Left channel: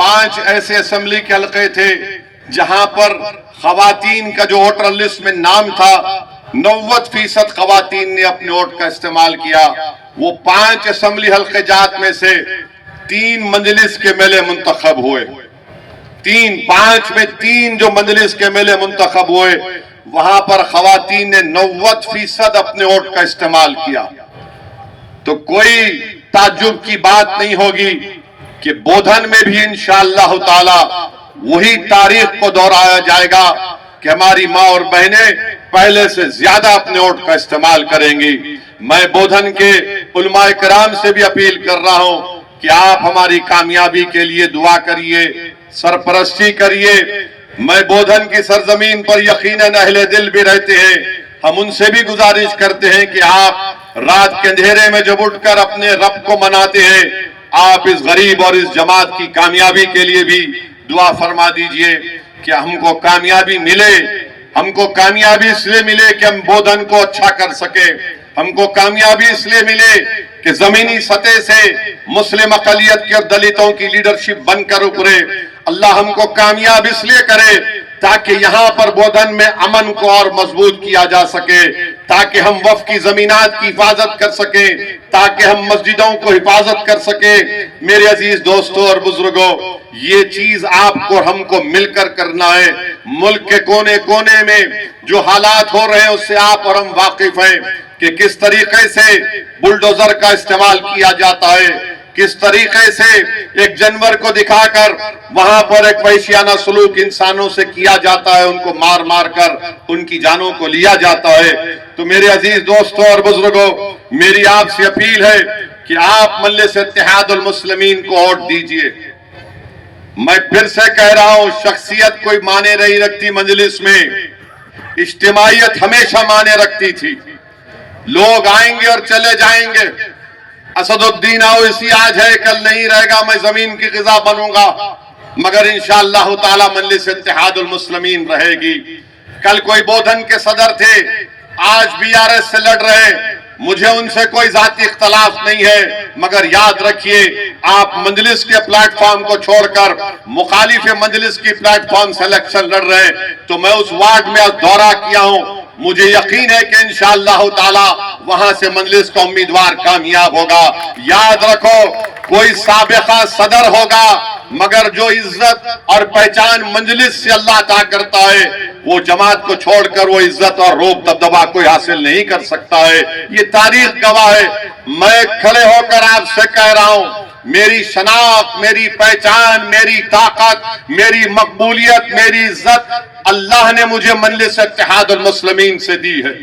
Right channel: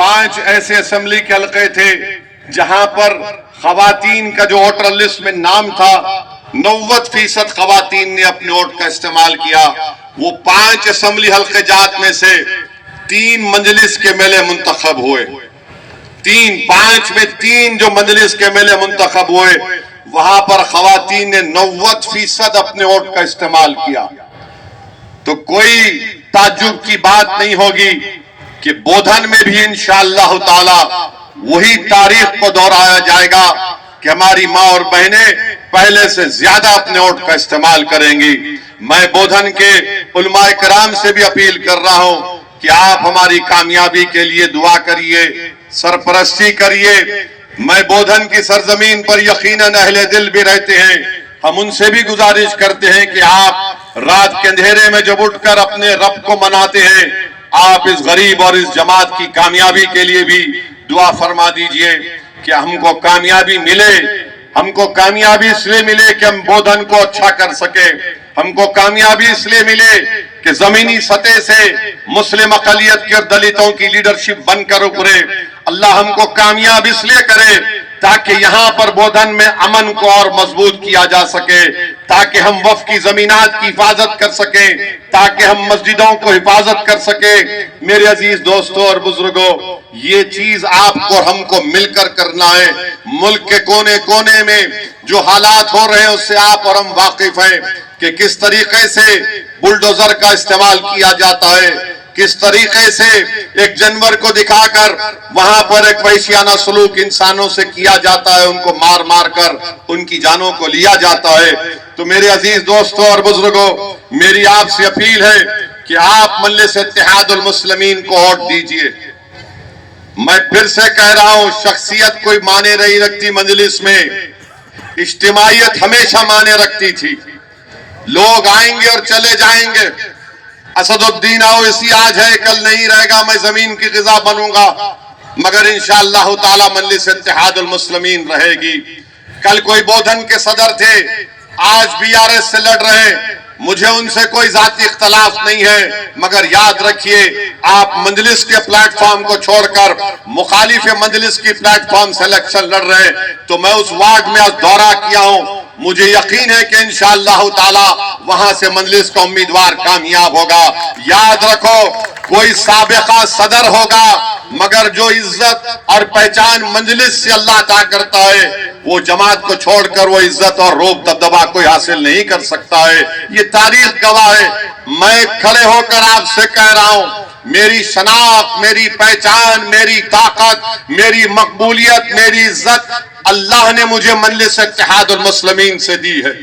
5 ऐसे असेंबली के हलके थे जहां पर खवातीन का जो वोटर लिस्ट में नाम था 90% खवातीन ने अपने वोट का इस्तेमाल किया। वो 5 असेंबली हलके जात में से 3 मजलिस के एमएलए मुंतखब हुए। 5 में 3 जो मजलिस के एमएलए मुंतखब हुए, वहां पर खवातीन ने 90% अपने वोट का इस्तेमाल किया। तो कोई ताज्जुब की बात नहीं होगी कि बोधन में भी इंशाअल्लाह ताला वही तारीख को दोहराया जाएगा कि हमारी माँ और बहनें पहले से ज्यादा अपने वोट का इस्तेमाल करेंगी। मैं बोधन के उलमाए कराम से भी अपील कर रहा हूं कि आप हमारी कामयाबी के लिए दुआ करिए, सरपरस्ती करिए। मैं बोधन की सरजमीन पर यकीनन अहले दिल भी रहते हैं, हम उनसे भी गुजारिश करते हैं कि आप रात के अंधेरे में जब उठकर अपने रब को मनाते हैं, आप इस गरीब और इस जमात की कामयाबी के लिए भी दुआ फरमा दीजिए कि हमको कामयाबी मिले। हमको कामयाबी इसलिए मिले कि हम बोधन को अच्छा कर सके। हमको कामयाबी इसलिए मिले कि जमीनी सतह से मुस्लिम अकलियत के और दलितों की लीडरशिप बनकर उभरे। अल्लाह हमको कामयाब इसलिए करे ताकि यहाँ पर बोधन में अमन को और मजबूत किया जा सके, ताकि हम वफ की जमीनात की हिफाजत कर सके, ताकि हम मस्जिदों को हिफाजत कर सके। मेरे अजीज दोस्तों और बुजुर्गों, ये चीज आपको हमको मिलकर करना है। मुल्क के कोने कोने में जो हालात हो रहे हैं उससे आप और हम वाकिफ हैं कि किस तरीके से बुलडोजर का इस्तेमाल किया जाता है, किस तरीके से एक जानवर को दिखाकर वहां पर एक वहशियाना सलूक इंसानों से किया जाता है, उनको मार मार कर उनकी जानों को लिया जाता है। तो मेरे अजीज दोस्तों और बुजुर्गों, मेरी आपसे अपील है कि आप मजलिस इत्तेहादुल मुस्लिमीन को वोट दीजिए। मैं फिर से कह रहा हूं, शख्सियत कोई माने नहीं रखती मजलिस में, इज्तिमाइयत हमेशा माने रखती थी। लोग आएंगे और चले जाएंगे। असदुद्दीन ओवैसी आज है, कल नहीं रहेगा, मैं जमीन की ग़िज़ा बनूंगा, मगर इंशाअल्लाह ताला मजलिस इत्तेहादुल मुस्लिमीन रहेगी। कल कोई बोधन के सदर थे, आज बीआरएस से लड़ रहे हैं, मुझे उनसे कोई जाती इख्तलाफ नहीं है, मगर याद रखिए आप मजलिस के प्लेटफॉर्म को छोड़कर मुखालिफ मजलिस की प्लेटफॉर्म से इलेक्शन लड़ रहे हैं। तो मैं उस वार्ड में आज दौरा किया हूं, मुझे यकीन है कि इंशाअल्लाह ताला वहां से मजलिस का उम्मीदवार कामयाब होगा। याद रखो, कोई साबिका सदर होगा, मगर जो इज्जत और पहचान मजलिस से अल्लाह अता करता है, वो जमात को छोड़कर वो इज्जत और रोब दबदबा कोई हासिल नहीं कर सकता है। ये तारीख गवाह है। मैं खड़े होकर आपसे कह रहा हूं, मेरी शनाख्त, मेरी पहचान, मेरी ताकत, मेरी मकबूलियत, मेरी इज्जत अल्लाह ने मुझे मजलिस इत्तेहादुल मुस्लिमीन से दी है।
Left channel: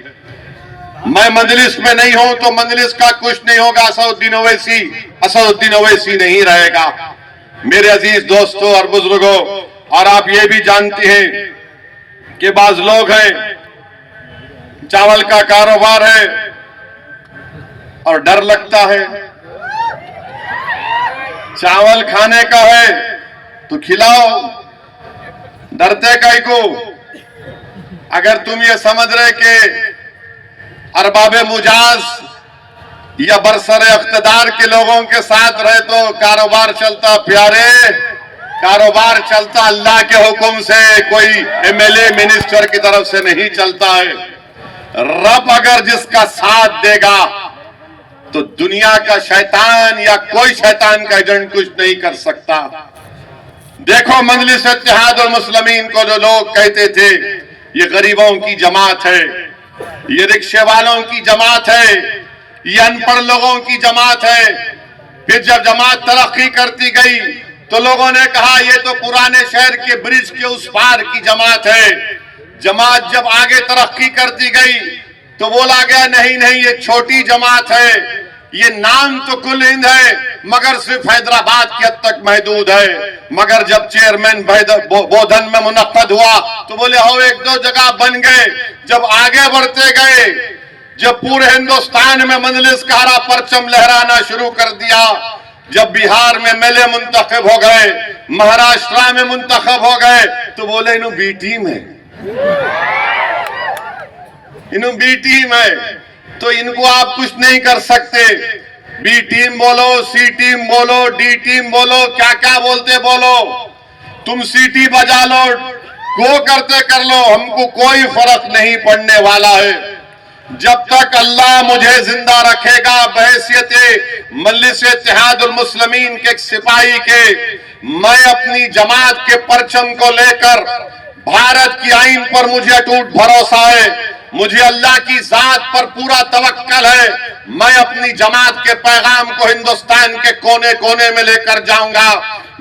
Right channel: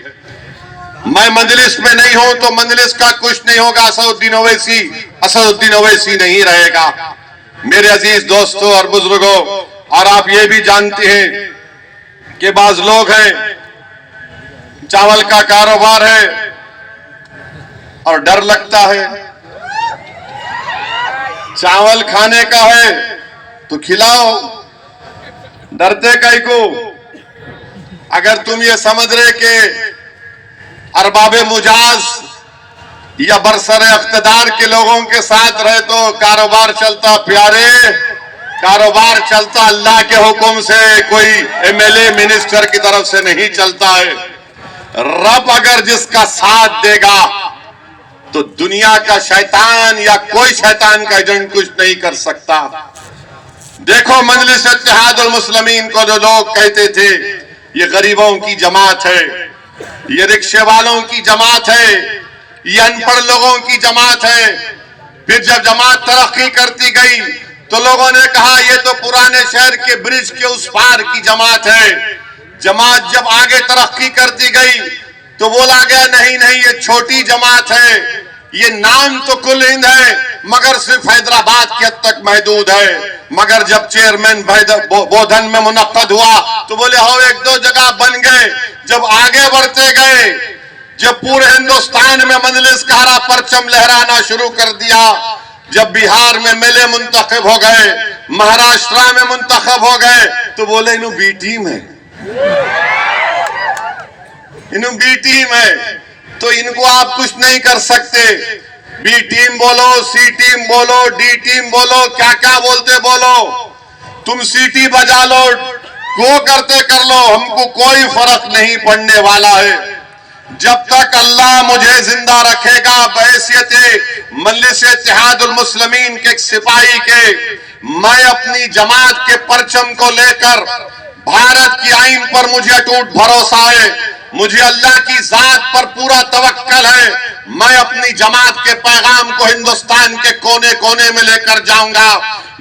मैं मजलिस में नहीं हूं तो मजलिस का कुछ नहीं होगा। असदुद्दीन ओवैसी नहीं रहेगा। मेरे अजीज दोस्तों और बुजुर्गों, और आप ये भी जानते हैं कि बाज लोग हैं, चावल का कारोबार है और डर लगता है। चावल खाने का है तो खिलाओ, डरते काहे को? अगर तुम ये समझ रहे कि अरबाबे मुजाज या बरसरे इख्तिदार के लोगों के साथ रहे तो कारोबार चलता, प्यारे, कारोबार चलता अल्लाह के हुक्म से, कोई एमएलए मिनिस्टर की तरफ से नहीं चलता है। रब अगर जिसका साथ देगा तो दुनिया का शैतान या कोई शैतान का एजेंट कुछ नहीं कर सकता। देखो मजलिस इत्तेहादुल मुस्लिमीन को जो लोग कहते थे ये गरीबों की जमात है, ये रिक्शे वालों की जमात है, ये अनपढ़ लोगों की जमात है, फिर जब जमात तरक्की करती गई तो लोगों ने कहा ये तो पुराने शहर के ब्रिज के उस पार की जमात है। जमात जब आगे तरक्की करती गई तो बोला गया नहीं नहीं ये छोटी जमात है, ये नाम तो कुल हिंद है मगर सिर्फ हैदराबाद की हद तक महदूद है। मगर जब चेयरमैन बोधन में मुनक्कद हुआ तो बोले हो 1-2 जगह बन गए। जब आगे बढ़ते गए, जब पूरे हिंदुस्तान में मजलिस का हरा परचम लहराना शुरू कर दिया, जब बिहार में मेले मुंतखब हो गए, महाराष्ट्र में मुंतखब हो गए, तो बोले इन्हों बी टीम है, इन्हों बी टीम है, तो इनको आप कुछ नहीं कर सकते। बी टीम बोलो, सी टीम बोलो, डी टीम बोलो, क्या क्या बोलते बोलो, तुम सीटी बजा लो, गो करते कर लो, हमको कोई फर्क नहीं पड़ने वाला है। जब तक अल्लाह मुझे जिंदा रखेगा बहैसियत मजलिस इत्तेहादुल मुस्लिमीन के एक सिपाही के, मैं अपनी जमात के परचम को लेकर, भारत की आईन पर मुझे अटूट भरोसा है, मुझे अल्लाह की जात पर पूरा तवक्कल है, मैं अपनी जमात के पैगाम को हिंदुस्तान के कोने कोने में लेकर जाऊंगा।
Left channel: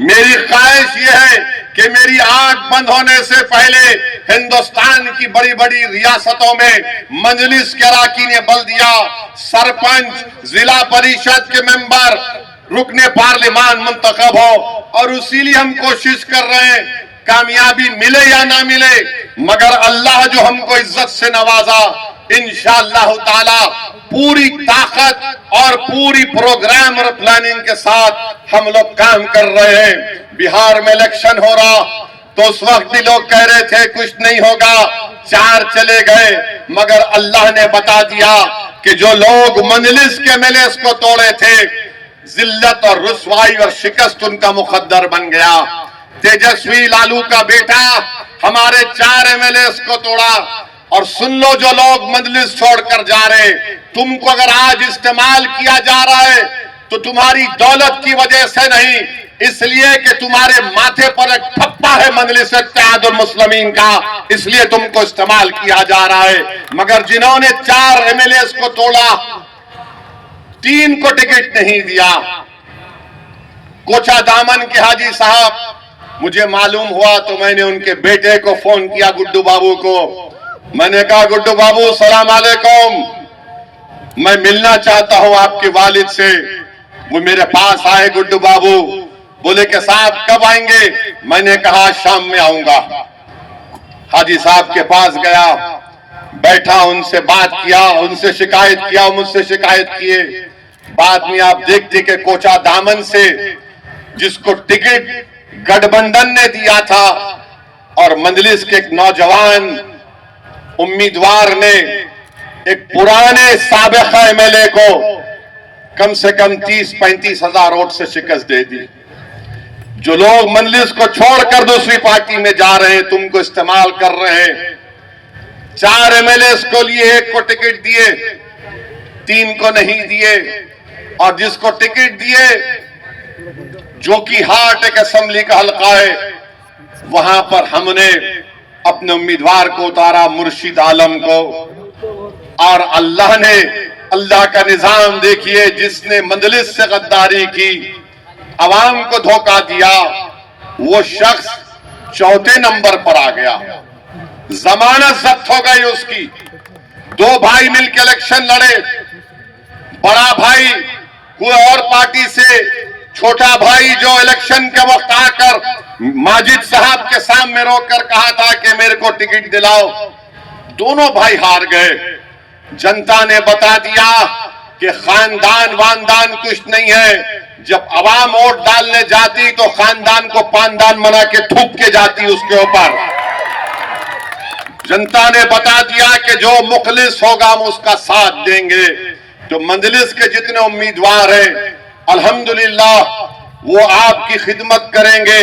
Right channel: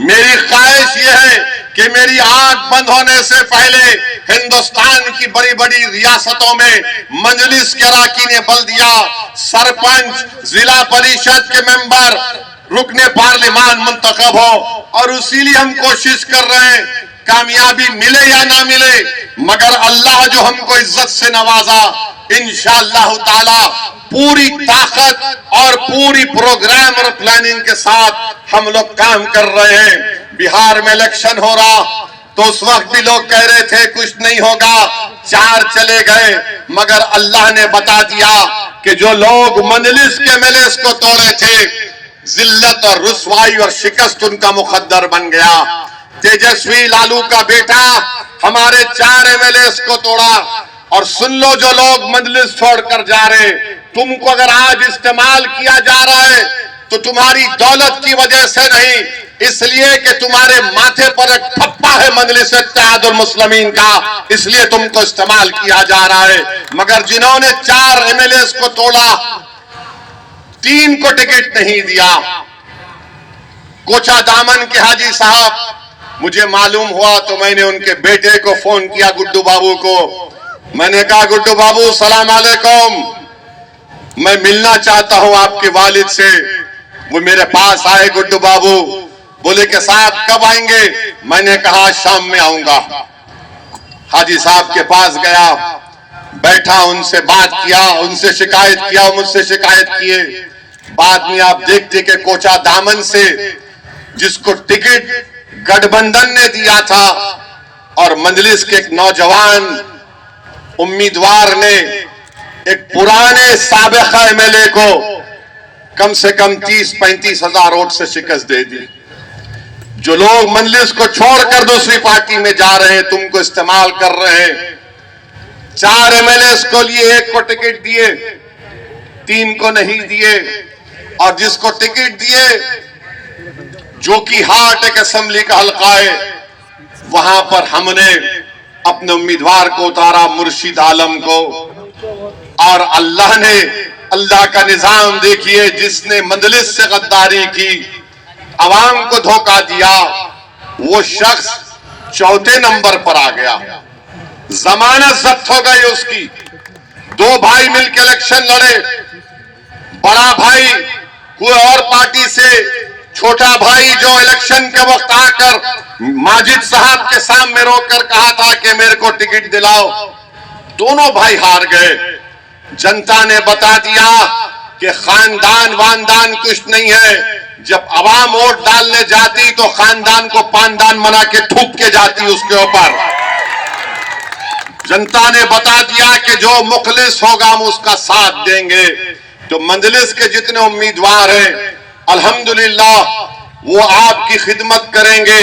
मेरी ख्वाहिश यह है कि मेरी आंख बंद होने से पहले हिंदुस्तान की बड़ी बड़ी रियासतों में मजलिस के अरकान बल्दिया, सरपंच, जिला परिषद के मेंबर, रुकने पार्लिमान मुंतखब हो, और इसीलिए हम कोशिश कर रहे हैं, कामयाबी मिले या ना मिले, मगर अल्लाह जो हमको इज्जत से नवाजा, इंशाअल्लाह ताला पूरी ताकत और पूरी प्रोग्राम और प्लानिंग के साथ हम लोग काम कर रहे हैं। बिहार में इलेक्शन हो रहा तो उस वक्त भी लोग कह रहे थे कुछ नहीं होगा, 4 चले गए, मगर अल्लाह ने बता दिया कि जो लोग मजलिस के एमएलए को तोड़े थे, जिल्लत और रुसवाई और शिकस्त उनका मुकद्दर बन गया। तेजस्वी लालू का बेटा हमारे 4 एमएलए को तोड़ा, और सुन लो जो लोग मजलिस छोड़कर जा रहे, तुमको अगर आज इस्तेमाल किया जा रहा है तो तुम्हारी दौलत की वजह से नहीं, इसलिए कि तुम्हारे माथे पर एक ठप्पा है मजलिस इत्तेहादुल मुस्लिमीन का, इसलिए तुमको इस्तेमाल किया जा रहा है। मगर जिन्होंने 4 एमएलए को तोड़ा, 3 को टिकट नहीं दिया। कोचा दामन के हाजी साहब, मुझे मालूम हुआ तो मैंने उनके बेटे को फोन किया, गुड्डू बाबू को। मैंने कहा गुड्डू बाबू सलाम अलैकुम, मैं मिलना चाहता हूं आपके वालिद से। वो मेरे पास आए गुड्डू बाबू, बोले कि साहब कब आएंगे? मैंने कहा शाम में आऊंगा। हाजी साहब के पास गया, बैठा, उनसे बात किया, उनसे शिकायत किया, मुझसे शिकायत किए। बाद में आप देखते कि कोचा दामन से जिसको टिकट गठबंधन ने दिया था और मजलिस के एक नौजवान उम्मीदवार ने एक पुराने साबिका एमएलए को कम से कम 30-35 हजार वोट से शिकस्त दे दी। जो लोग मजलिस को छोड़कर दूसरी पार्टी में जा रहे हैं, तुमको इस्तेमाल कर रहे हैं। 4 एमएलए को लिए 1 को टिकट दिए, 3 को नहीं दिए, और जिसको टिकट दिए, जो कि हार्ट एक असेंबली का हल्का है, वहां पर हमने अपने उम्मीदवार को उतारा, मुर्शिद आलम को। और अल्लाह ने, अल्लाह का निजाम देखिए, जिसने मजलिस से गद्दारी की, अवाम को धोखा दिया, वो शख्स 4थे नंबर पर आ गया। जमानत जब्त हो गई उसकी। 2 भाई मिलकर इलेक्शन लड़े, बड़ा भाई कोई और पार्टी से, छोटा भाई जो इलेक्शन के वक्त आकर माजिद साहब के सामने रोककर कहा था कि मेरे को टिकट दिलाओ, दोनों भाई हार गए। जनता ने बता दिया कि खानदान वानदान कुछ नहीं है। जब अवाम वोट डालने जाती तो खानदान को पानदान बना के थूक के जाती उसके ऊपर। जनता ने बता दिया कि जो मुखलिस होगा हम उसका साथ देंगे। तो मजलिस के जितने उम्मीदवार हैं, अल्हम्दुलिल्लाह वो आपकी खिदमत करेंगे,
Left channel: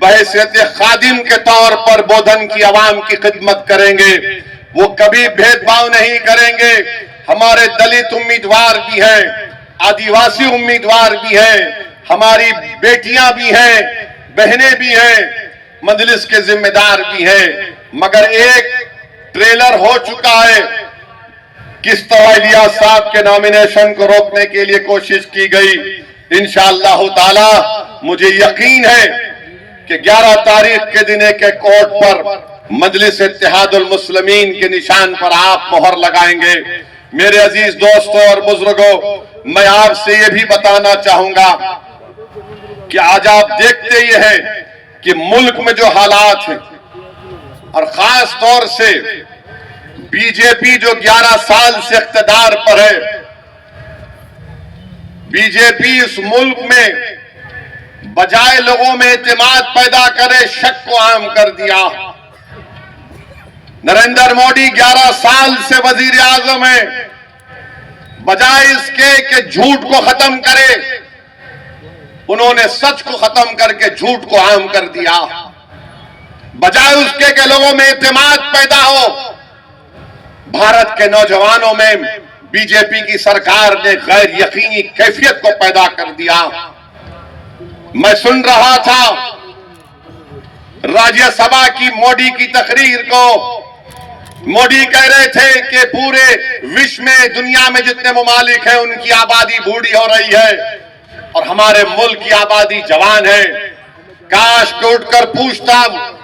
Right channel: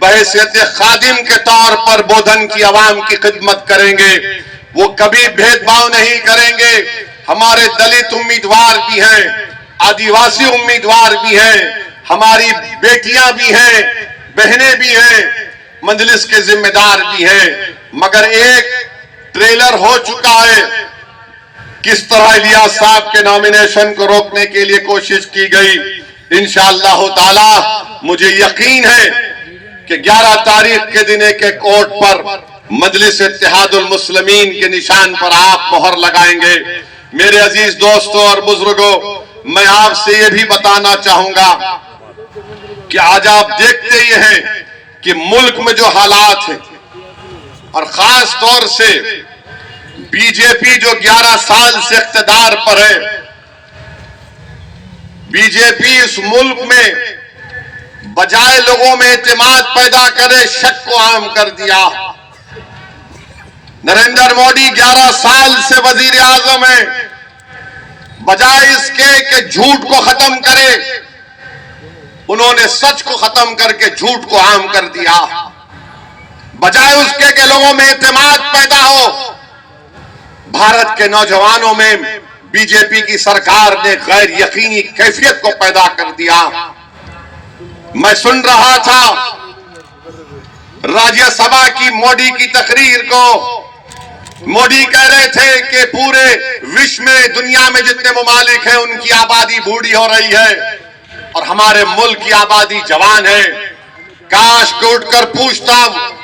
बहैसियत खादिम के तौर पर बोधन की आवाम की खिदमत करेंगे। वो कभी भेदभाव नहीं करेंगे। हमारे दलित उम्मीदवार भी हैं, आदिवासी उम्मीदवार भी हैं, हमारी बेटियां भी हैं, बहनें भी हैं, मजलिस के जिम्मेदार भी हैं। मगर एक ट्रेलर हो चुका है, किस तरह इलियास साहब के नॉमिनेशन को रोकने के लिए कोशिश की गई। इंशाअल्लाह ताला मुझे यकीन है कि 11 तारीख के दिन एक कोर्ट पर मजलिस इत्तेहादुल मुस्लिमीन के निशान पर आप मोहर लगाएंगे। मेरे अजीज दोस्तों और बुजुर्गों, मैं आपसे ये भी बताना चाहूंगा कि आज आप देखते ही हैं कि मुल्क में जो हालात हैं, और खास तौर से बीजेपी जो 11 साल से इख्तिदार पर है, बीजेपी इस मुल्क में बजाय लोगों में एतमाद पैदा करे, शक को आम कर दिया। नरेंद्र मोदी 11 साल से वजीर आजम है, बजाय इसके कि झूठ को खत्म करे, उन्होंने सच को खत्म करके झूठ को आम कर दिया। बजाय उसके कि लोगों में इत्तेमाद पैदा हो, भारत के नौजवानों में बीजेपी की सरकार ने गैर यकीनी कैफियत को पैदा कर दिया। मैं सुन रहा था राज्यसभा की मोदी की तकरीर को। मोदी कह रहे थे कि पूरे विश्व में, दुनिया में जितने ममालिक हैं उनकी आबादी बूढ़ी हो रही है और हमारे मुल्क की आबादी जवान है। काश को उठकर पूछता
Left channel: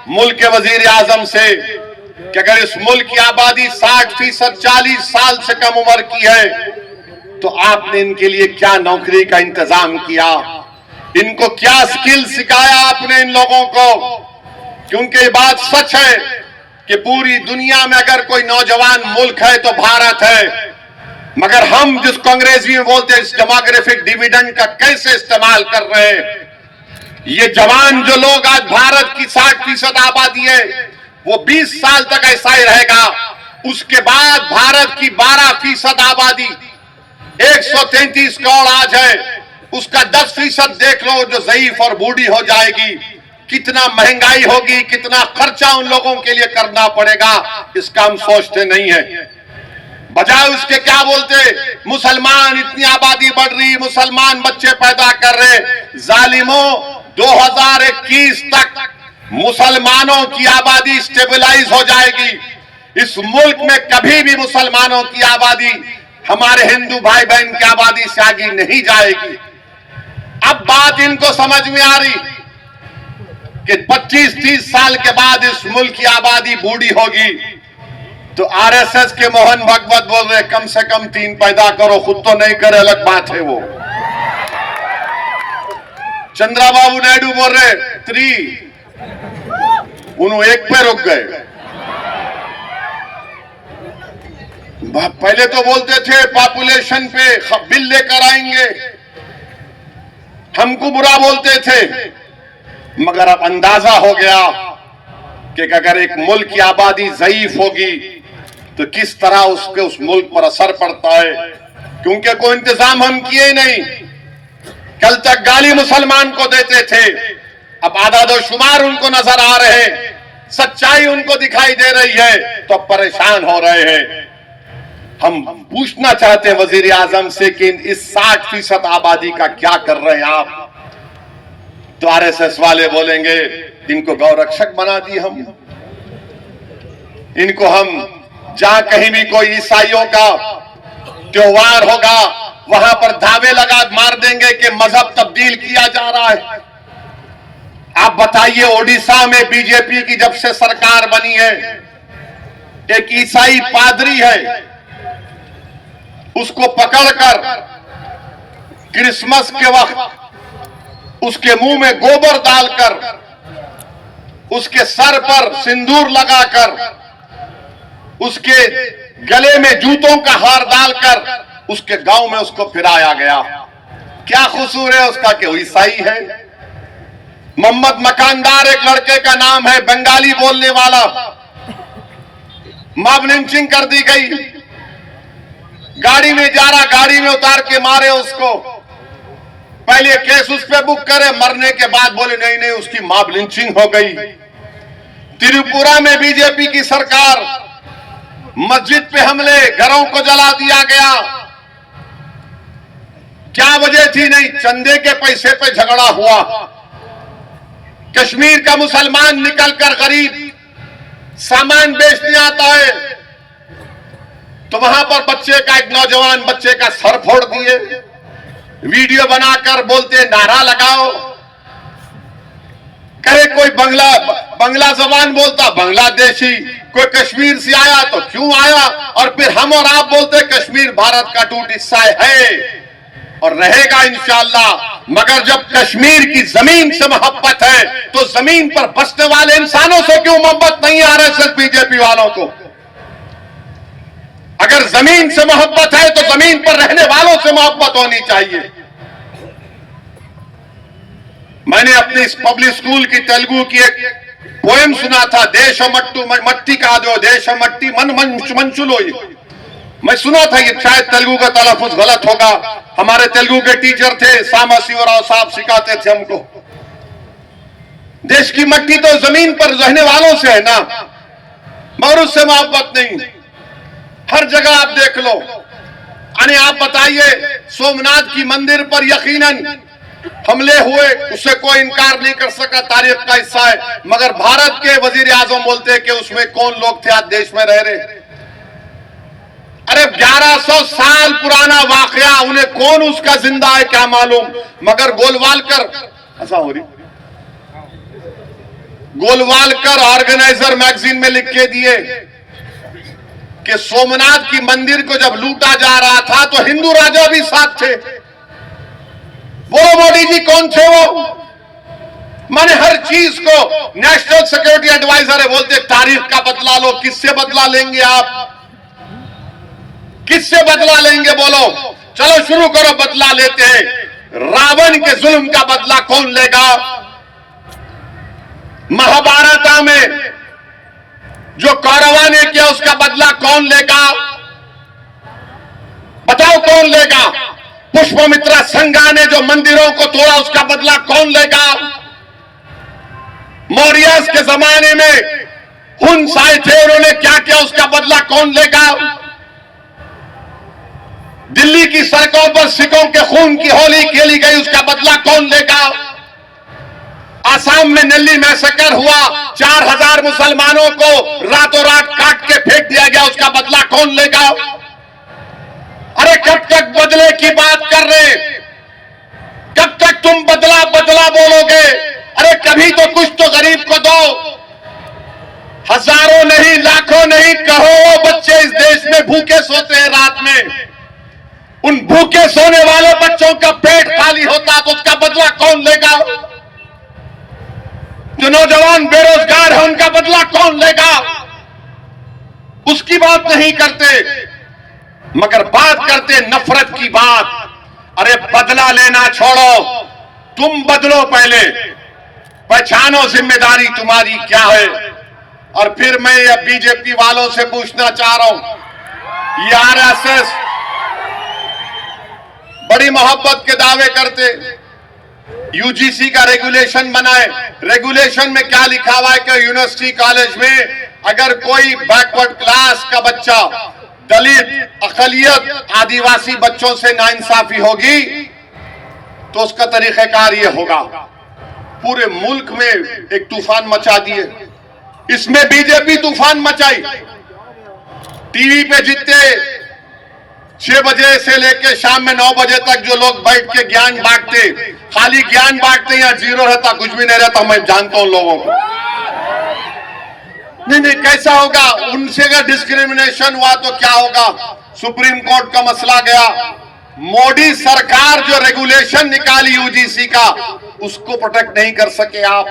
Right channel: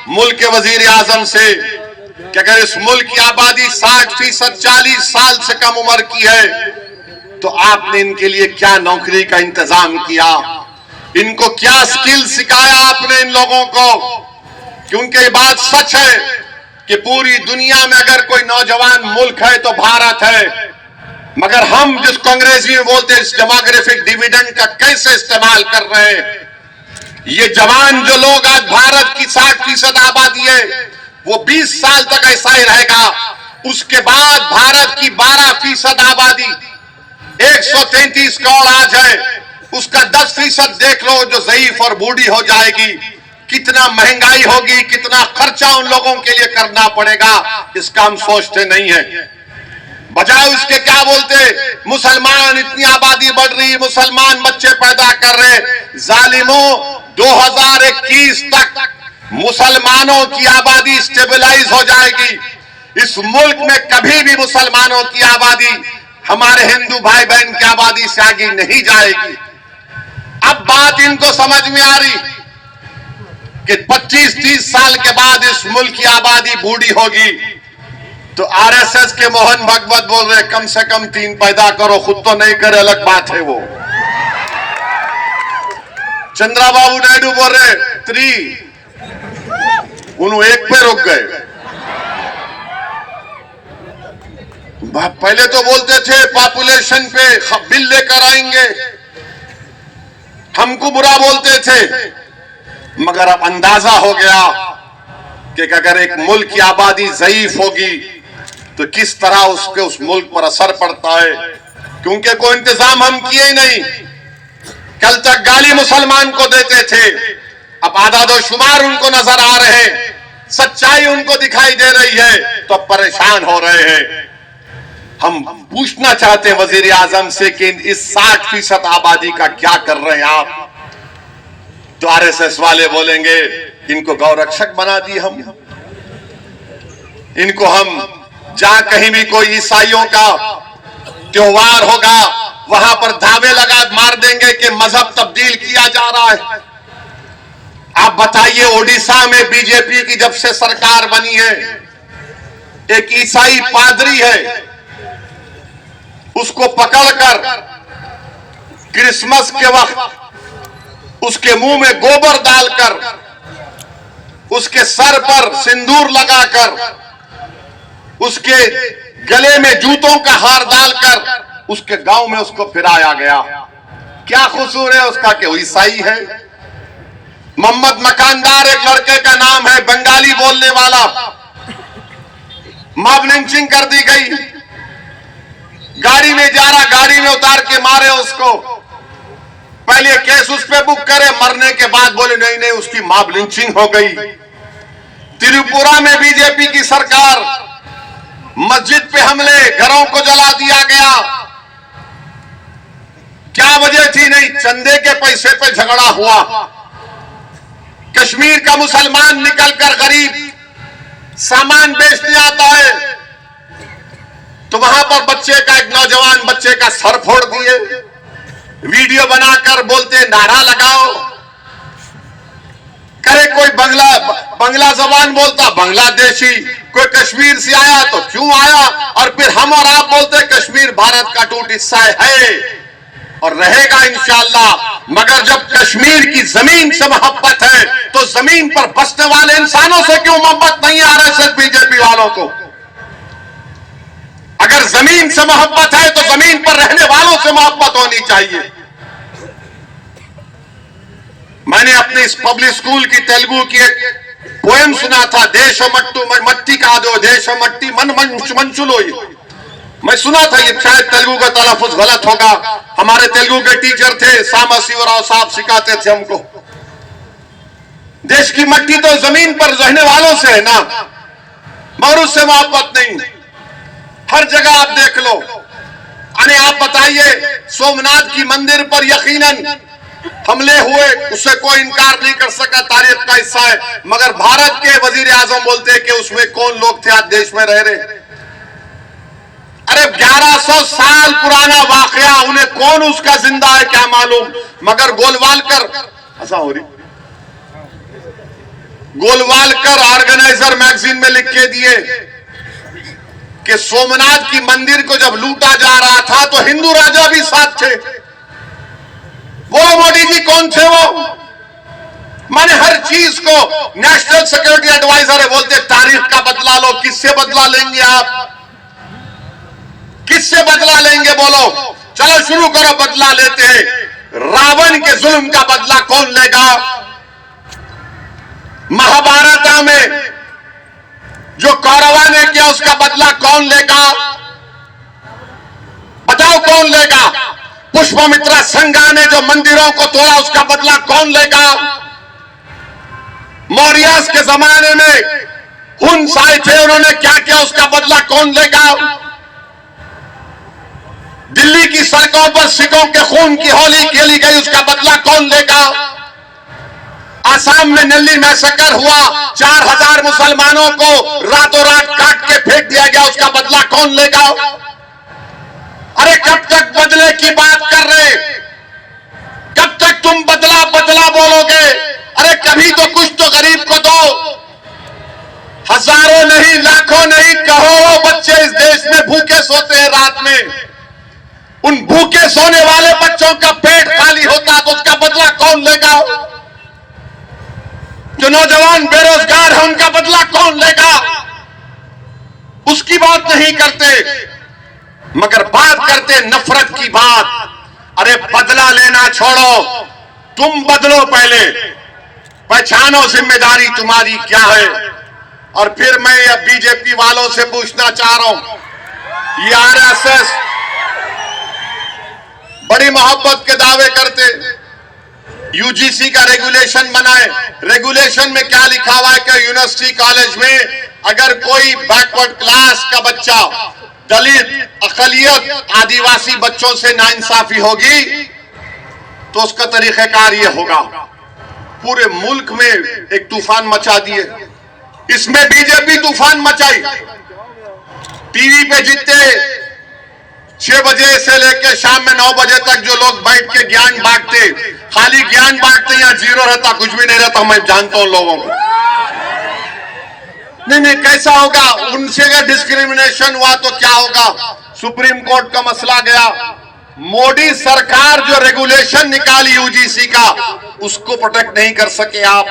मुल्क के वजीर आजम से कि अगर इस मुल्क की आबादी 60% 40 साल से कम उम्र की है तो आपने इनके लिए क्या नौकरी का इंतजाम किया, इनको क्या स्किल सिखाया आपने इन लोगों को। क्योंकि ये बात सच है कि पूरी दुनिया में अगर कोई नौजवान मुल्क है तो भारत है, मगर हम जिसको अंग्रेजी में बोलते हैं इस डेमोग्राफिक डिविडेंड का कैसे इस्तेमाल कर रहे हैं। ये जवान जो लोग आज भारत की 60% आबादी है वो 20 साल तक ऐसा ही रहेगा। उसके बाद भारत की 12% आबादी 133 करोड़ आज है, उसका 10% देख लो जो ज़ईफ और बूढ़ी हो जाएगी। कितना महंगाई होगी, कितना खर्चा उन लोगों के लिए करना पड़ेगा, इसका हम सोचते नहीं है। बजाय उसके क्या बोलते, मुसलमान इतनी आबादी बढ़ रही, मुसलमान बच्चे पैदा कर रहे। जालिमों, 2021 तक मुसलमानों की आबादी स्टेबलाइज हो जाएगी। इस मुल्क में कभी भी मुसलमानों की आबादी हमारे हिंदू भाई बहन की आबादी से आगे नहीं जाएगी। अब बात इनको समझ में आ रही कि 25-30 साल के बाद इस मुल्क की आबादी बूढ़ी होगी। तो आरएसएस के मोहन भागवत बोल रहे कम से कम 3 पैदा करो, खुद तो नहीं करे अलग बात है वो। चंद्रबाबू नायडू बोल रहे 3, उन्होंने 1 पे रुक गए। पहले तो बोलते थे पॉपुलेशन पे बिल लेकर आएंगे, हमको बुरा बोलते थे, मगर अब अंदाजा हो गया कि अगर एक मुल्क की आबादी ज़ईफ होगी तो किस तरह उसके उस मुल्क पर असर पड़ता है। क्योंकि कोई इंतजाम हम किए ही नहीं। कल तक गाली मुसलमान को देते थे, अब आदादो शुमार उनको नजर आ रहे, सच्चाई उनको दिखाई दे रही है तो अब परेशान हो रहे हैं। हम पूछना चाहते हैं वजीर आजम से कि इस 60% आबादी का क्या कर रहे हैं आप। तो आरएसएस वाले बोलेंगे इनको गौरक्षक बना दिए हम, इनको हम जहां कहीं भी कोई ईसाइयों का त्योहार होगा वहां पर धावे लगा मार देंगे कि मजहब तब्दील किया जा रहा है। आप बताइए, ओडिशा में बीजेपी की जब से सरकार बनी है, एक ईसाई पादरी है, उसको पकड़कर क्रिसमस के वक्त उसके मुंह में गोबर डालकर, उसके सर पर सिंदूर लगाकर, उसके गले में जूतों का हार डालकर उसके गांव में उसको फिराया गया। क्या कसूर है उसका कि वो ईसाई है। मोहम्मद मकानदार एक लड़के का नाम है, बंगाली बोलने वाला, मॉब लिंचिंग कर दी गई। गाड़ी में जा रहा, गाड़ी में उतार के मारे उसको। पहले केस उस पे बुक करे, मरने के बाद बोले नहीं नहीं उसकी मॉब लिंचिंग हो गई। त्रिपुरा में बीजेपी की सरकार, मस्जिद पे हमले, घरों को जला दिया गया। क्या वजह थी? नहीं, चंदे के पैसे पे झगड़ा हुआ। कश्मीर का मुसलमान निकलकर गरीब सामान बेचने आता है तो वहां पर बच्चे का, एक नौजवान बच्चे का सर फोड़ दिए। वीडियो बनाकर बोलते नारा लगाओ। करे कोई बंगला जबान बोलता बांग्लादेशी, कोई कश्मीर से आया तो क्यों आया, और फिर हम और आप बोलते कश्मीर भारत का टूट हिस्सा है और रहेगा इंशाअल्लाह। मगर जब कश्मीर की जमीन से मोहब्बत है तो जमीन पर बसने वाले इंसानों से क्यों मोहब्बत नहीं आ रही सिर्फ बीजेपी वालों को? अगर जमीन से मोहब्बत है तो जमीन पर रहने वालों से मोहब्बत होनी चाहिए। मैंने अपने इस पब्लिक स्कूल की तेलुगु की एक पोएम सुना था, देश मट्टू मट्टी का दो देश मट्टी मन मंचुलो। मैं सुना था, ये शायद तेलुगु का तलफ़ुज़ गलत होगा, हमारे तेलुगु के टीचर थे सांबशिवराव साहब, सिखाते थे हमको, देश की मट्टी तो जमीन पर रहने वालों से है ना, मगर उससे मोहब्बत नहीं। हर जगह आप देख लो। अने आप बताइए, सोमनाथ की मंदिर पर यकीनन हमले हुए, उससे कोई इनकार नहीं कर सका, तारीख का हिस्सा है, मगर भारत के वजीर आजम बोलते हैं कि उसमें कौन लोग थे आज देश में रह रहे। अरे 1100 साल पुराना वाकया, उन्हें कौन उसका जिंदा है क्या मालूम। मगर गोलवालकर, ऐसा हो रही, गोलवालकर ऑर्गेनाइजर मैगजीन में लिख के दिए कि सोमनाथ की मंदिर को जब लूटा जा रहा था तो हिंदू राजा भी साथ थे। बोलो मोदी जी कौन थे वो? माने हर चीज को नेशनल सिक्योरिटी एडवाइजर है, बोलते तारीख का बदला लो। किससे बदला लेंगे आप? किससे बदला लेंगे बोलो? चलो शुरू करो, बदला लेते हैं। रावण के जुल्म का बदला कौन लेगा? महाभारत में जो कौरवा ने किया उसका बदला कौन लेगा? बताओ कौन लेगा? पुष्पमित्रा संघा ने जो मंदिरों को तोड़ा उसका बदला कौन लेगा? मौर्य के जमाने में हुन आए थे, उन्होंने क्या किया उसका बदला कौन लेगा? दिल्ली की सड़कों पर सिखों के खून की होली खेली गई, उसका बदला कौन लेगा? आसाम में नल्ली मैसेकर हुआ, 4000 मुसलमानों को रातों रात काट के फेंक दिया गया, उसका बदला कौन लेगा? अरे कब तक बदले की बात कर रहे? कब तक तुम बदला बदला बोलोगे? अरे कभी तो कुछ तो गरीब को दो। हजारों नहीं, लाखों नहीं, करोड़ों बच्चे इस देश में भूखे सोते हैं रात में। उन भूखे सोने वाले बच्चों का पेट खाली होता तो उसका बदला कौन लेगा? जो नौजवान बेरोजगार है उनका बदला कौन लेगा? उसकी बात नहीं करते, मगर बात करते नफरत की बात। अरे बदला लेना छोड़ो, तुम बदलो पहले, पहचानो जिम्मेदारी तुम्हारी क्या है। और फिर मैं अब बीजेपी वालों से पूछना चाह रहा हूं, ये आरएसएस बड़ी मोहब्बत के दावे करते, यूजीसी का रेगुलेशन बनाए, रेगुलेशन में क्या लिखा हुआ है कि यूनिवर्सिटी कॉलेज में अगर कोई बैकवर्ड क्लास का बच्चा, दलित, अकलियत, आदिवासी बच्चों से नाइंसाफी होगी तो उसका तरीक़ेकार ये होगा। पूरे मुल्क में एक तूफान मचा दिए, इसमें बीजेपी तूफान मचाई। टीवी पे जितने 6 बजे से लेकर शाम में 9 बजे तक जो लोग बैठ के ज्ञान बांटते, खाली ज्ञान बांटते, या जीरो रहता, कुछ भी नहीं रहता। मैं जानता हूं लोगों को। नहीं, कैसा होगा? उनसे अगर डिस्क्रिमिनेशन हुआ तो क्या होगा? सुप्रीम कोर्ट का मसला गया। मोदी सरकार जो रेगुलेशन निकाली यूजीसी का, उसको प्रोटेक्ट नहीं कर सके आप।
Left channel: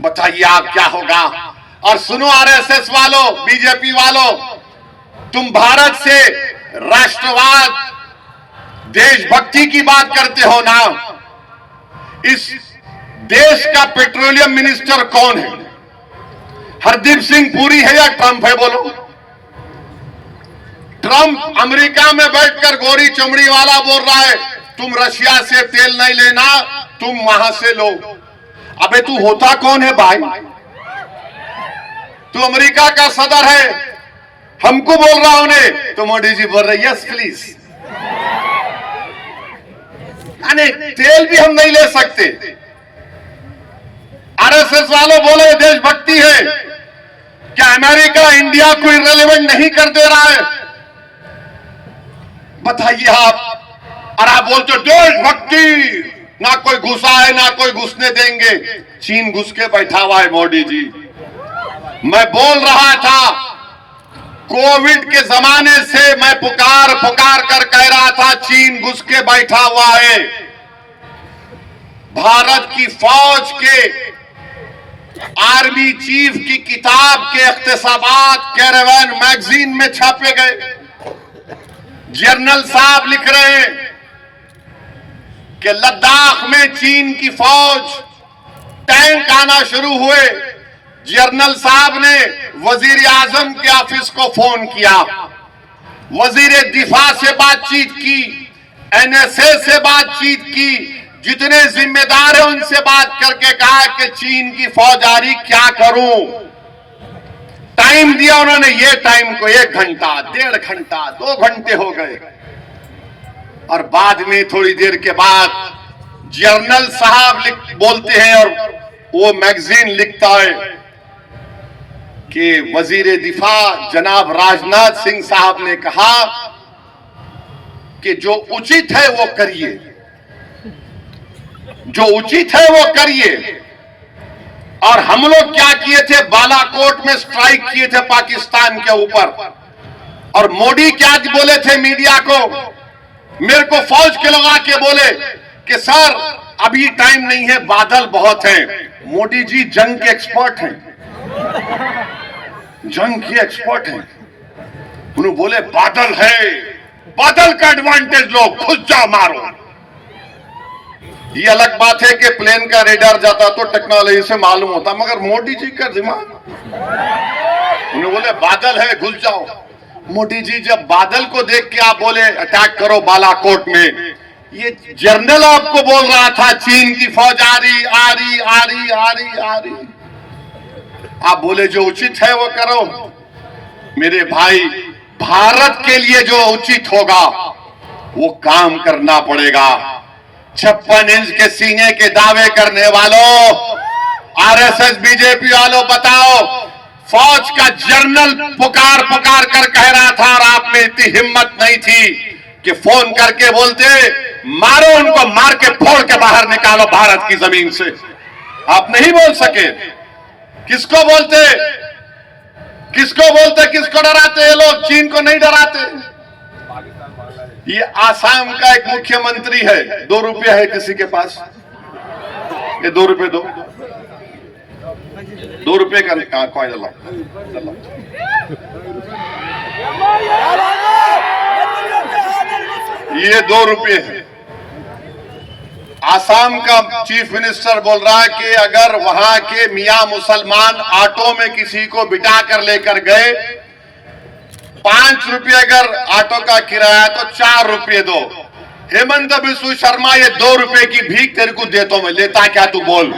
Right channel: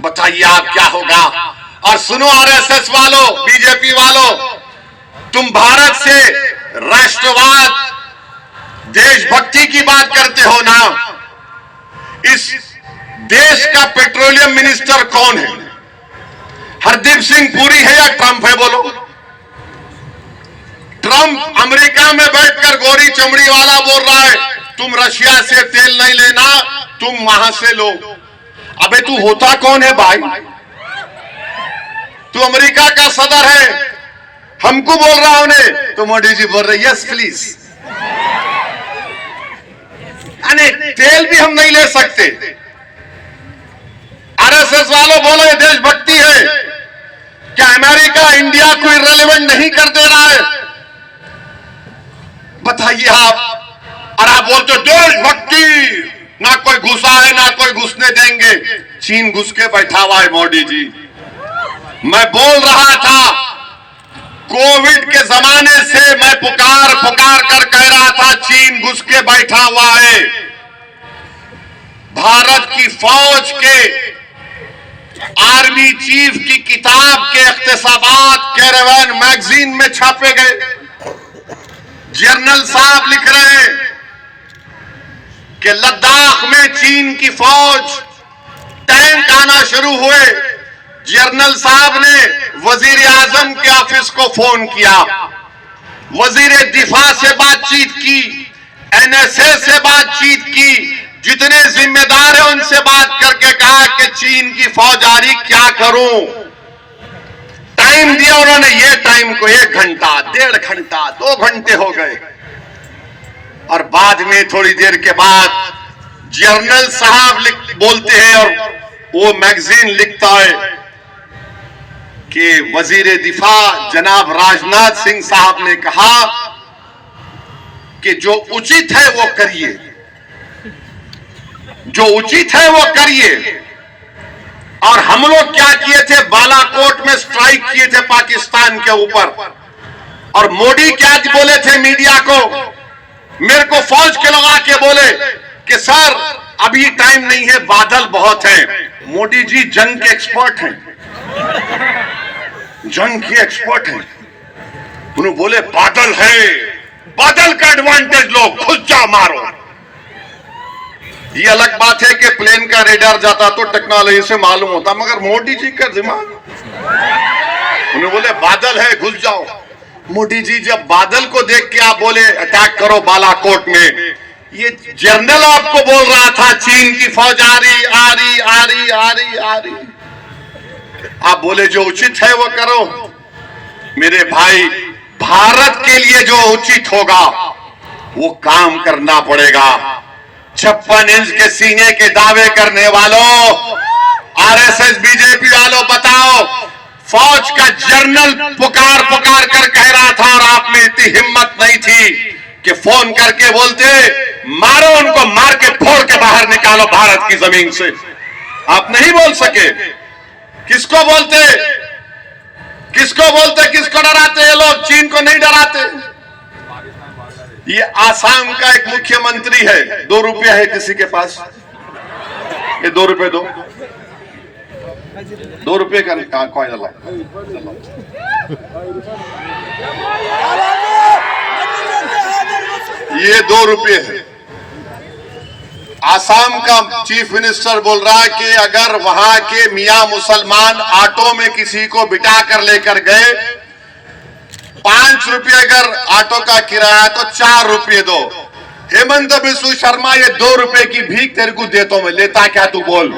बताइए आप क्या होगा? और सुनो आरएसएस वालों, बीजेपी वालों, तुम भारत से राष्ट्रवाद, देशभक्ति की बात करते हो ना। इस देश का पेट्रोलियम मिनिस्टर कौन है? हरदीप सिंह पुरी है या ट्रंप है? बोलो। ट्रंप अमेरिका में बैठकर गोरी चमड़ी वाला बोल रहा है तुम रशिया से तेल नहीं लेना, तुम वहां से लो। अबे तू होता कौन है भाई? तू अमेरिका का सदर है, हमको बोल रहा उन्हें, तो मोदी जी बोल रहे यस प्लीज। अरे तेल भी हम नहीं ले सकते। आरएसएस वालों बोलो ये देशभक्ति है। क्या अमेरिका इंडिया को इररिलेवेंट नहीं कर दे रहा है? बताइए आप। और आप बोलते हो देशभक्ति, ना कोई घुसा है ना कोई घुसने देंगे। चीन घुस के बैठा हुआ है मोदी जी। मैं बोल रहा था कोविड के जमाने से, मैं पुकार कर कह रहा था चीन घुस के बैठा हुआ है। भारत की फौज के आर्मी चीफ की किताब के इख्तिसाबात कैरावान मैगजीन में छापे गए। जर्नल साहब लिख रहे हैं कि लद्दाख में चीन की फौज, टैंक आना शुरू हुए। जर्नल साहब ने वजीर आजम के ऑफिस को फोन किया, वजीर दिफा से बातचीत की, एनएसए से बातचीत की, जितने जिम्मेदार हैं उनसे बात करके कहा कि चीन की फौज आ रही, क्या करूं। टाइम दिया उन्होंने, ये टाइम को 1 घंटा, 1.5 घंटा, 2 घंटे हो गए। और बाद में थोड़ी देर के बाद जर्नल साहब बोलते हैं और वो मैगजीन लिखता है कि वजीर दिफा जनाब राजनाथ सिंह साहब ने कहा कि जो उचित है वो करिए, जो उचित है वो करिए। और हम लोग क्या किए थे, बालाकोट में स्ट्राइक किए थे पाकिस्तान के ऊपर, और मोदी क्या बोले थे मीडिया को, मेरे को फौज के लोग आके बोले कि सर अभी टाइम नहीं है, बादल बहुत हैं। मोदी जी जंग के एक्सपर्ट हैं, जंग के एक्सपर्ट हैं। उन्होंने बोले बादल है, बादल का एडवांटेज लो, घुस जाओ मारो। ये अलग बात है कि प्लेन का रेडार जाता तो टेक्नोलॉजी से मालूम होता, मगर मोदी जी का दिमाग, उन्होंने बोले बादल है, घुस जाओ। मोदी जी जब बादल को देख के आप बोले अटैक करो बालाकोट में, ये जनरल आपको बोल रहा था चीन की फौज आ रही, आ रही, आ रही, आ रही, आ रही, आप बोले जो उचित है वो करो। मेरे भाई, भारत के लिए जो उचित होगा वो काम करना पड़ेगा। 56 इंच के सीने के दावे करने वालों, आरएसएस बीजेपी वालों, बताओ, फौज का जनरल पुकार पुकार कर कह रहा था और आप में इतनी हिम्मत नहीं थी कि फोन करके बोलते मारो उनको, मार के फोड़ के बाहर निकालो भारत की जमीन से। आप नहीं बोल सके। किसको बोलते, किसको बोलते, किसको डराते ये लोग? चीन को नहीं डराते। ये आसाम का एक मुख्यमंत्री है, 2 रुपया है किसी के पास, ये 2 रुपये दो, 2 रुपये का कॉइन ला, ये 2 रुपये है। आसाम का चीफ मिनिस्टर बोल रहा है कि अगर वहां के मियां मुसलमान ऑटो में किसी को बिठा कर लेकर गए, 5 रुपये अगर ऑटो का किराया तो 4 रुपये दो। हेमंत बिस्व शर्मा, ये 2 रुपये की भीख तेरे को देता हूं मैं, लेता क्या तू? बोल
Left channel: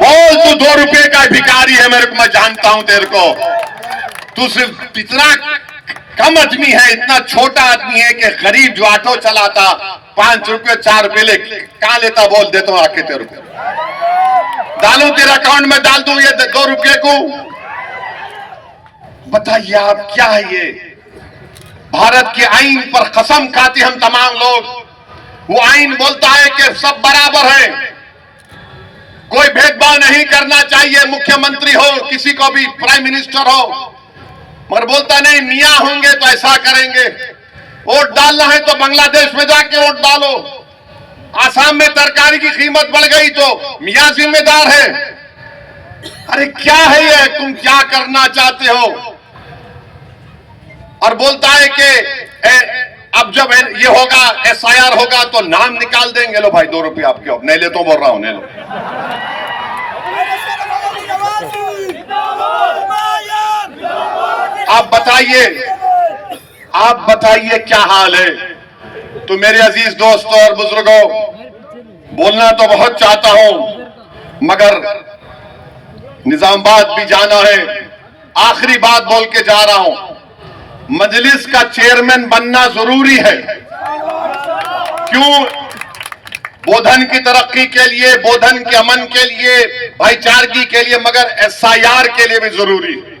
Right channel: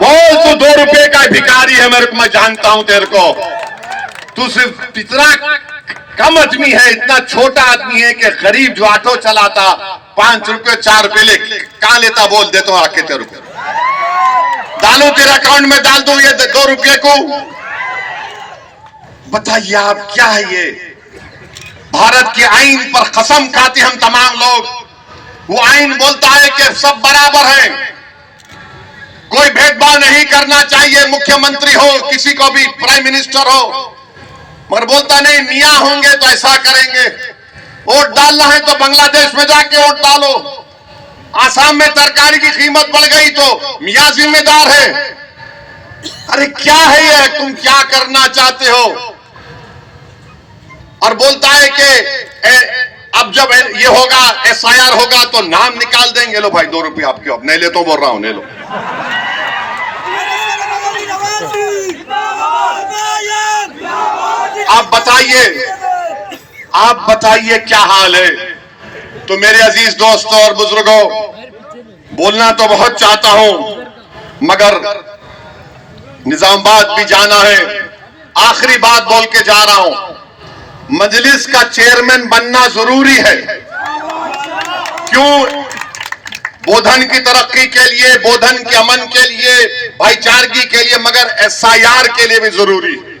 बोल, तू 2 रुपये का भिखारी है, मेरे को, मैं जानता हूं तेरे को। तू सिर्फ इतना कम आदमी है, इतना छोटा आदमी है कि गरीब जो ऑटो चलाता 5 रुपये 4 रुपये ले कहां लेता? बोल, देता हूं आके तेरे को, डालू तेरे अकाउंट में, डाल दूं ये 2 रुपये को। बताइए आप, क्या है ये? भारत के आईन पर कसम खाते हम तमाम लोग। वो आईन बोलता है कि सब बराबर हैं, कोई भेदभाव नहीं करना चाहिए, मुख्यमंत्री हो, किसी को भी, प्राइम मिनिस्टर हो, मगर बोलता नहीं मियां होंगे तो ऐसा करेंगे। वोट डालना है तो बांग्लादेश में जाके वोट डालो। आसाम में तरकारी की कीमत बढ़ गई तो मियां जिम्मेदार है। अरे क्या है ये? तुम क्या करना चाहते हो? और बोलता है कि अब जब ये होगा, एसआईआर होगा तो नाम निकाल देंगे। लो भाई 2 रुपये आपके, अब नहीं ले तो बोल रहा हूं, नहीं लो। आप बताइए क्या हाल है? तो मेरे अजीज दोस्तों और बुजुर्गों, बोलना तो बहुत चाहता हूं मगर निजामाबाद भी जाना है। आखिरी बात बोल के जा रहा हूं, मजलिस का चेयरमैन बनना जरूरी है। क्यों? बोधन की तरक्की के लिए, बोधन के अमन के लिए, भाईचारगी के लिए, मगर एसआईआर के लिए भी जरूरी है।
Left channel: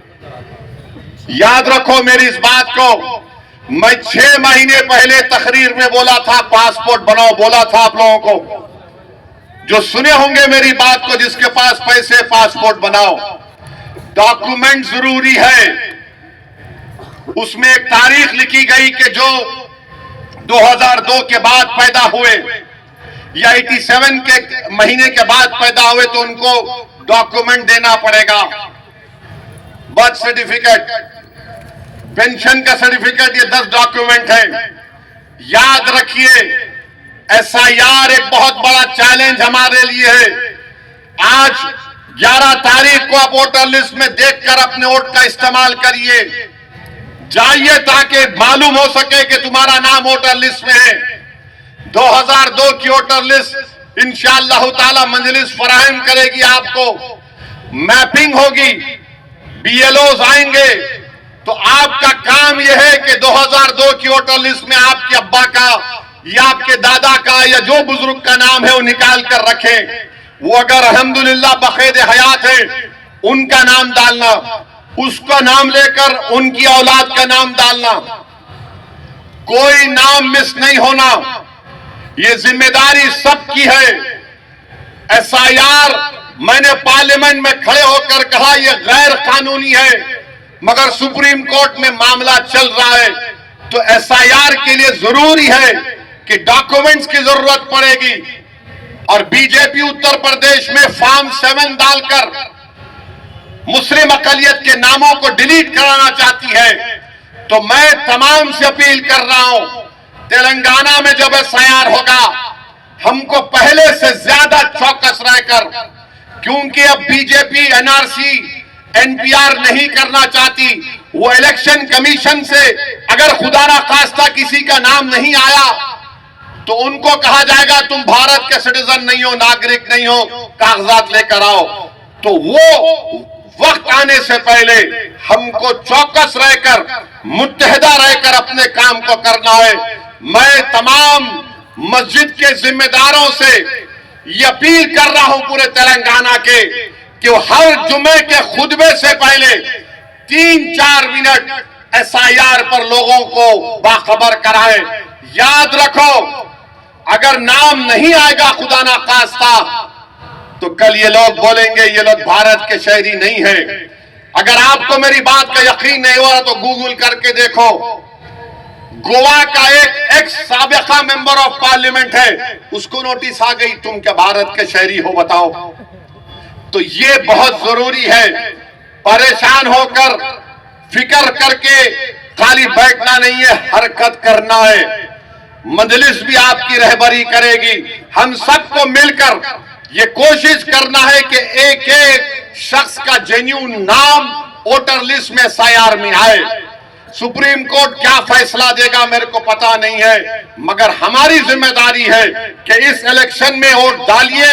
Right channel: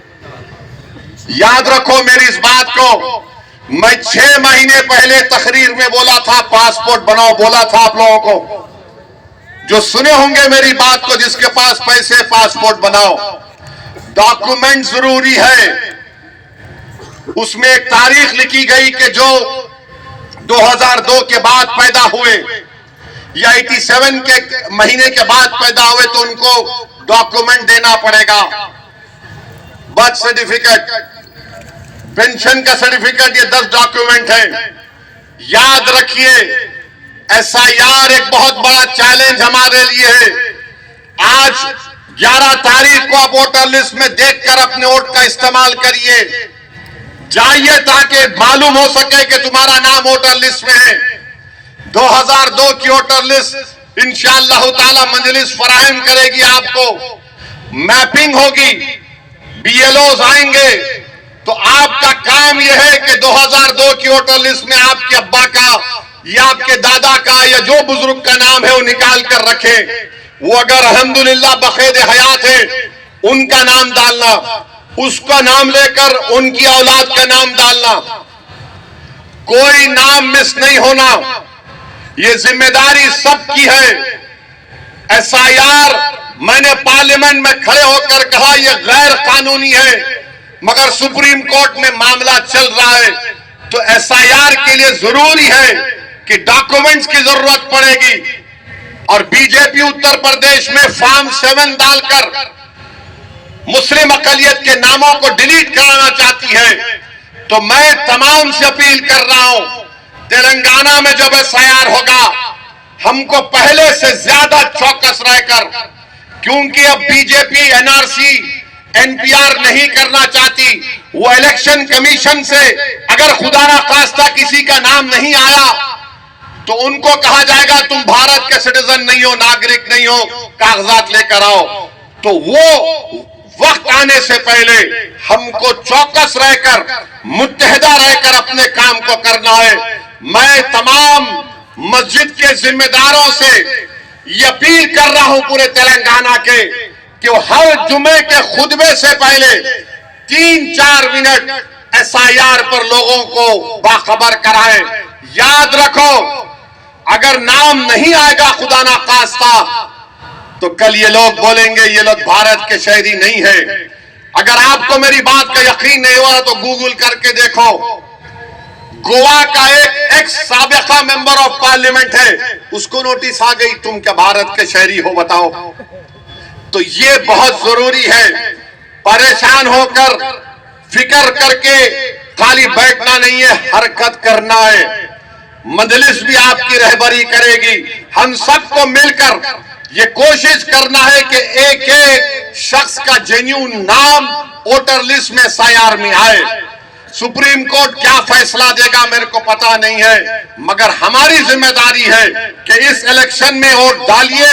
याद रखो मेरी इस बात को। मैं 6 महीने पहले तकरीर में बोला था पासपोर्ट बनाओ, बोला था आप लोगों को, जो सुने होंगे मेरी बात को, जिसके पास पैसे पासपोर्ट बनाओ। डॉक्यूमेंट जरूरी है। उसमें एक तारीख लिखी गई कि जो 2002 के बाद पैदा हुए या 87 के महीने के बाद पैदा हुए तो उनको डॉक्यूमेंट देना पड़ेगा। बर्थ सर्टिफिकेट, पेंशन का सर्टिफिकेट, ये 10 डॉक्यूमेंट है। याद रखिए, एसआईआर एक बहुत बड़ा चैलेंज हमारे लिए है। आज 11 तारीख को आप वोटर लिस्ट में देखकर अपने वोट का इस्तेमाल करिए। जाइए ताकि मालूम हो सके कि तुम्हारा नाम वोटर लिस्ट में है। 2002 की वोटर लिस्ट इंशाअल्लाह ताला मजलिस फराहम करेगी, आपको मैपिंग होगी, बीएलओज आएंगे, तो आपका काम यह है कि 2002 की वोटर लिस्ट में आपके अब्बा का या आपके दादा का या जो बुजुर्ग का नाम है वो निकाल कर रखें। वो अगर अल्हम्दुलिल्लाह बखेद हयात है उनका नाम डालना, उसका नाम लेकर उनकी औलाद का नाम डालना, कोई नाम मिस नहीं होना। ये जिम्मेदारी सबकी है। एसआईआर मैंने पार्लियामेंट में खड़े होकर कहा यह गैर कानूनी है, मगर सुप्रीम कोर्ट में मामला चल रहा है, तो एसआईआर के लिए जरूरी है कि डॉक्यूमेंट्स की जरूरत पड़ेगी। और बीजेपी उत्तर प्रदेश में फॉर्म 7 डालकर मुस्लिम अकलियत के नामों को डिलीट कराना चाहती है। तो मैं तमाम से अपील कर रहा हूं, तेलंगाना में जब एसआईआर होगा हमको पहले से ज्यादा चौकस रहकर, क्योंकि अब बीजेपी एनआरसी एनपीआर नहीं करना चाहती। वो इलेक्शन कमीशन से अगर खुदा ना खास्ता किसी का नाम नहीं आया तो उनको कहा जाएगा तुम भारत के सिटीजन नहीं हो, नागरिक नहीं हो, कागजात लेकर आओ। तो वो वक्त आने से पहले हमको चौकस रहकर, मुत्तहिदा रहकर अपने काम को करना है। मैं तमाम मस्जिद के जिम्मेदारों से ये अपील कर रहा हूं पूरे तेलंगाना के कि हर जुमे के खुतबे से पहले 3-4 मिनट एसआईआर पर लोगों को बाखबर कराएं। याद रखो, अगर नाम नहीं आएगा खुदा ना खास्ता तो कल ये लोग बोलेंगे ये लोग भारत के शहरी नहीं है। अगर आपको मेरी बात का यकीन नहीं हुआ तो गूगल करके देखो, गोवा का एक एक्स साबिका मेंबर ऑफ पार्लियामेंट है, उसको नोटिस आ गई तुम क्या भारत के शहरी हो बताओ। तो ये बहुत जरूरी है, परेशान होकर फिक्र करके खाली बैठना नहीं है, हरकत करना है। मजलिस भी आपकी रहबरी करेगी। हम सबको मिलकर ये कोशिश करना है कि एक एक शख्स का जेन्युइन नाम वोटर लिस्ट में एसआईआर में आए। सुप्रीम कोर्ट क्या फैसला देगा मेरे को पता नहीं है, मगर हमारी जिम्मेदारी है कि इस इलेक्शन में वोट डालिए,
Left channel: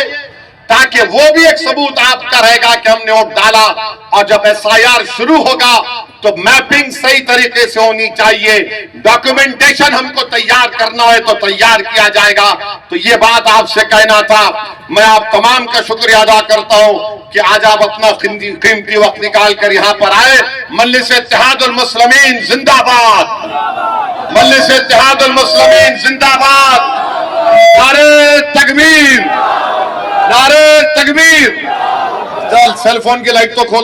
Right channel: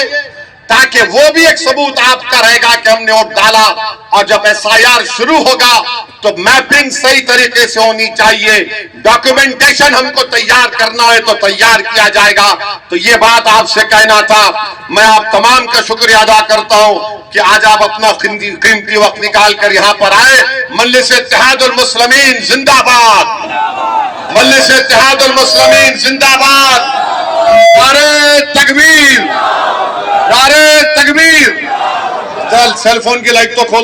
ताकि वो भी एक सबूत आपका रहेगा कि हमने वोट डाला। और जब एसआईआर शुरू होगा तो मैपिंग सही तरीके से होनी चाहिए, डॉक्यूमेंटेशन हमको तैयार करना है तो तैयार किया जाएगा। तो ये बात आपसे कहना था। मैं आप तमाम का शुक्रिया अदा करता हूं कि आज आप अपना कीमती वक्त निकाल कर यहाँ पर आए। मजलिस इत्तेहादुल मुस्लिमीन जिंदाबाद, मजलिस इत्तेहादुल मुस्लिमीन जिंदाबाद, नारे तकबीर, नारे तकबीर। चल सेलफोन की लाइट तो खोल।